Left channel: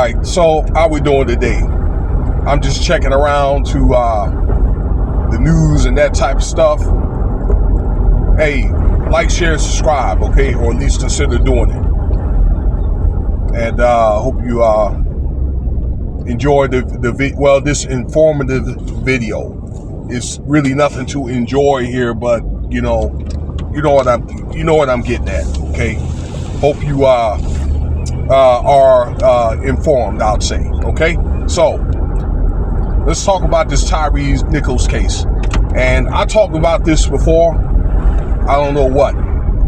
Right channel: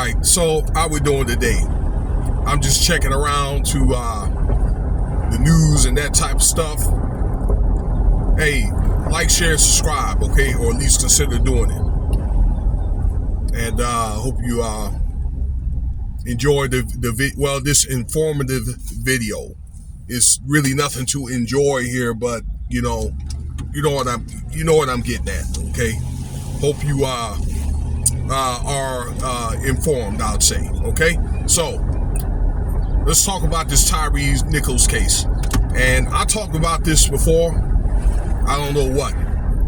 Alright, so how we doing today? I'm just checking around to the news and that type of stuff. Hey, like, share, and subscribe, okay? Or at least consider doing it. And hope you enjoy this informative video. It's really nothing to enjoy here, but you know what I'm getting at, okay? Hope you are informed, I'd say, okay? So let's talk about this Tyre Nichols case. And I talked about this before, I don't know what,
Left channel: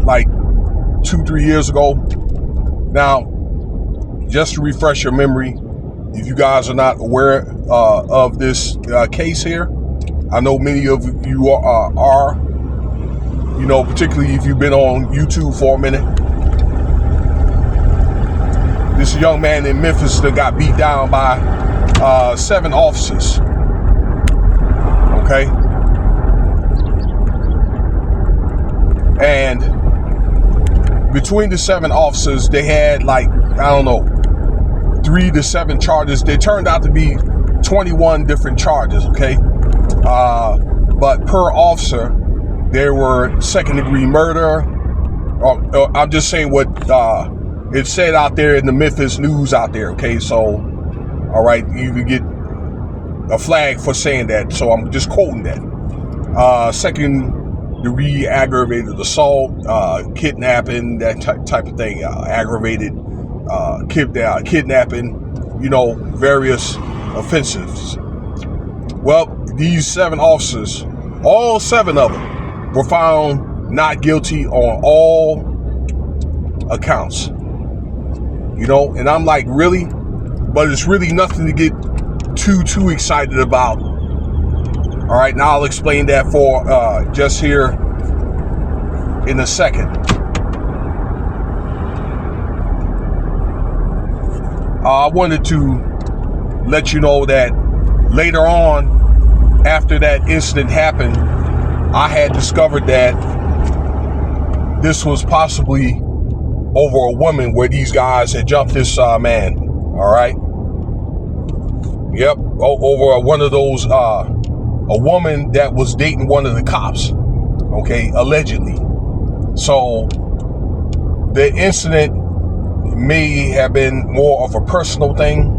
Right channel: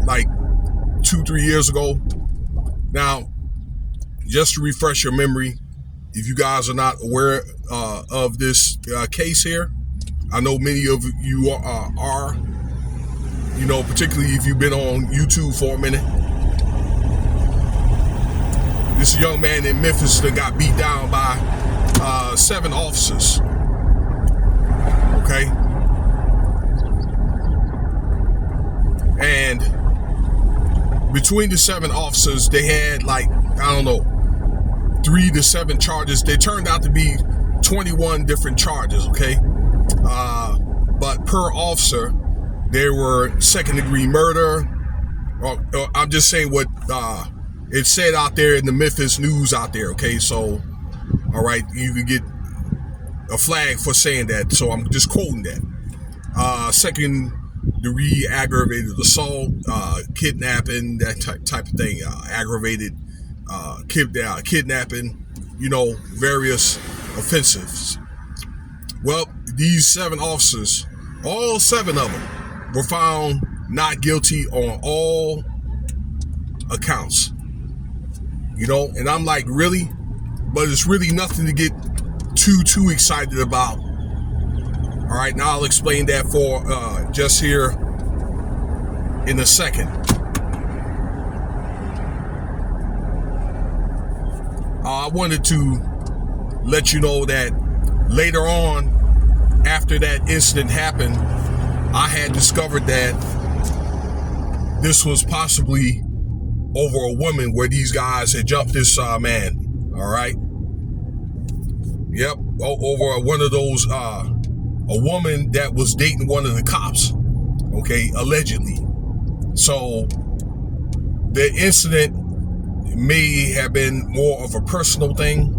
like 2-3 years ago. Now, just to refresh your memory, if you guys are not aware of this case here, I know many of you are, you know, particularly if you've been on YouTube for a minute. This young man in Memphis that got beat down by 7 officers. Okay? And between the 7 officers, they had like, I don't know, 3 to 7 charges. They turned out to be 21 different charges, okay? But per officer, there were 2nd-degree murder. Or I'm just saying what it said out there in the Memphis news out there, okay? So, all right, you could get a flag for saying that, so I'm just quoting that. 2nd-degree aggravated assault, kidnapping, that type of thing, aggravated kidnapping, you know, various offenses. Well, these 7 officers, all 7 of them, were found not guilty on all accounts. You know, and I'm like, really? But it's really nothing to get too excited about. All right, now I'll explain that for just here in a second. I wanted to let you know that later on, after that incident happened, I had discovered that this was possibly over a woman where these guys had jumped this man. All right. Yep. Over one of those, a woman that was dating one of the cops. Okay. Allegedly. So the incident may have been more of a personal thing.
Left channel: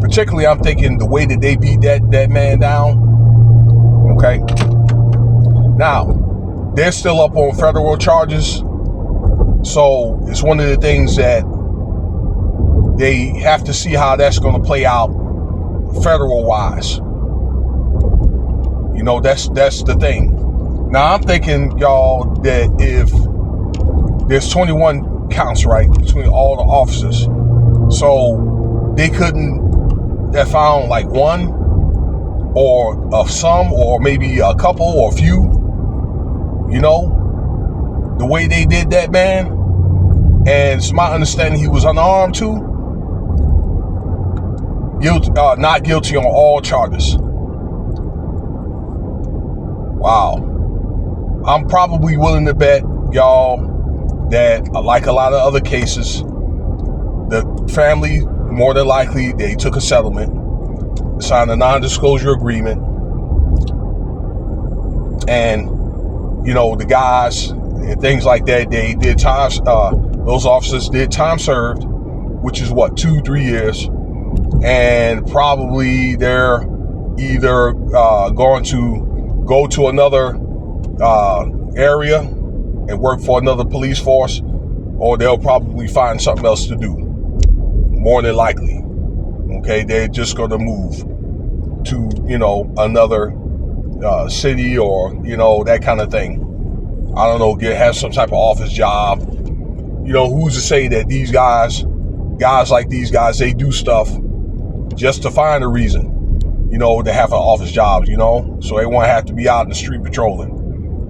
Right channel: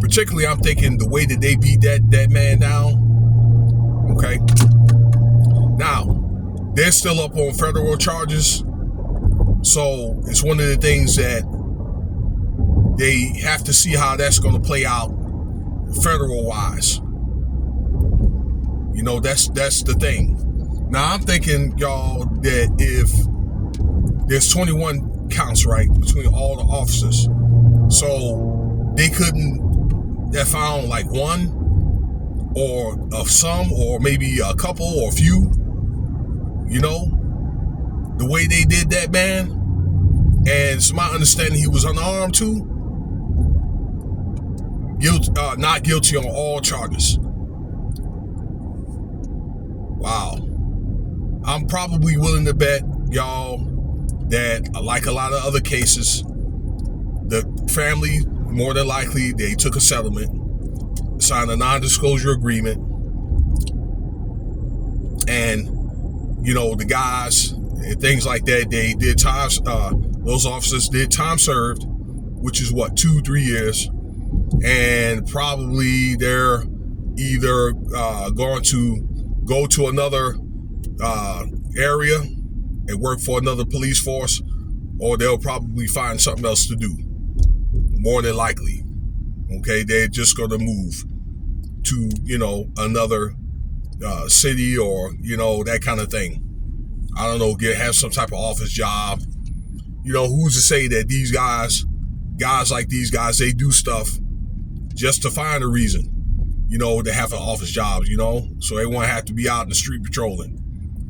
Particularly, I'm thinking the way that they beat that man down. Okay. Now, they're still up on federal charges. So it's one of the things that they have to see how that's going to play out federal wise. You know, that's the thing. Now, I'm thinking, y'all, that if there's 21 counts, right, between all the officers, so they couldn't have found like one or of some, or maybe a couple or a few, you know, the way they did that man. And it's my understanding he was unarmed too. Not guilty on all charges. Wow. I'm probably willing to bet, y'all, that like a lot of other cases, the family, more than likely, they took a settlement, signed a non-disclosure agreement, and, you know, the guys and things like that, they did time, those officers did time served, which is what, 2-3 years, and probably they're either going to go to another area and work for another police force, or they'll probably find something else to do, more than likely. Okay, they're just going to move to, you know, another city, or, you know, that kind of thing. I don't know, have some type of office job. You know, who's to say that these guys like these guys, they do stuff just to find a reason, you know, to have an office job, you know, so they won't have to be out in the street patrolling.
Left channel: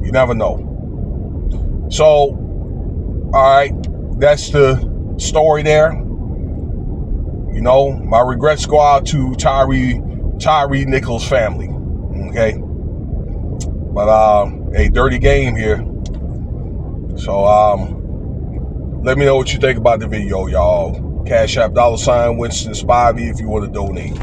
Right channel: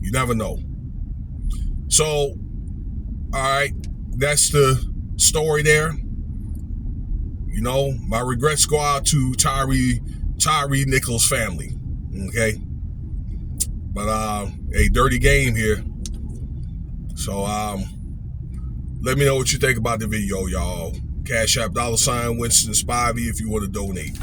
You never know. So, all right, that's the story there. You know, my regrets go out to Tyre Nichols' family. Okay, but a dirty game here. So let me know what you think about the video, y'all. Cash App $Winston Spivey if you want to donate.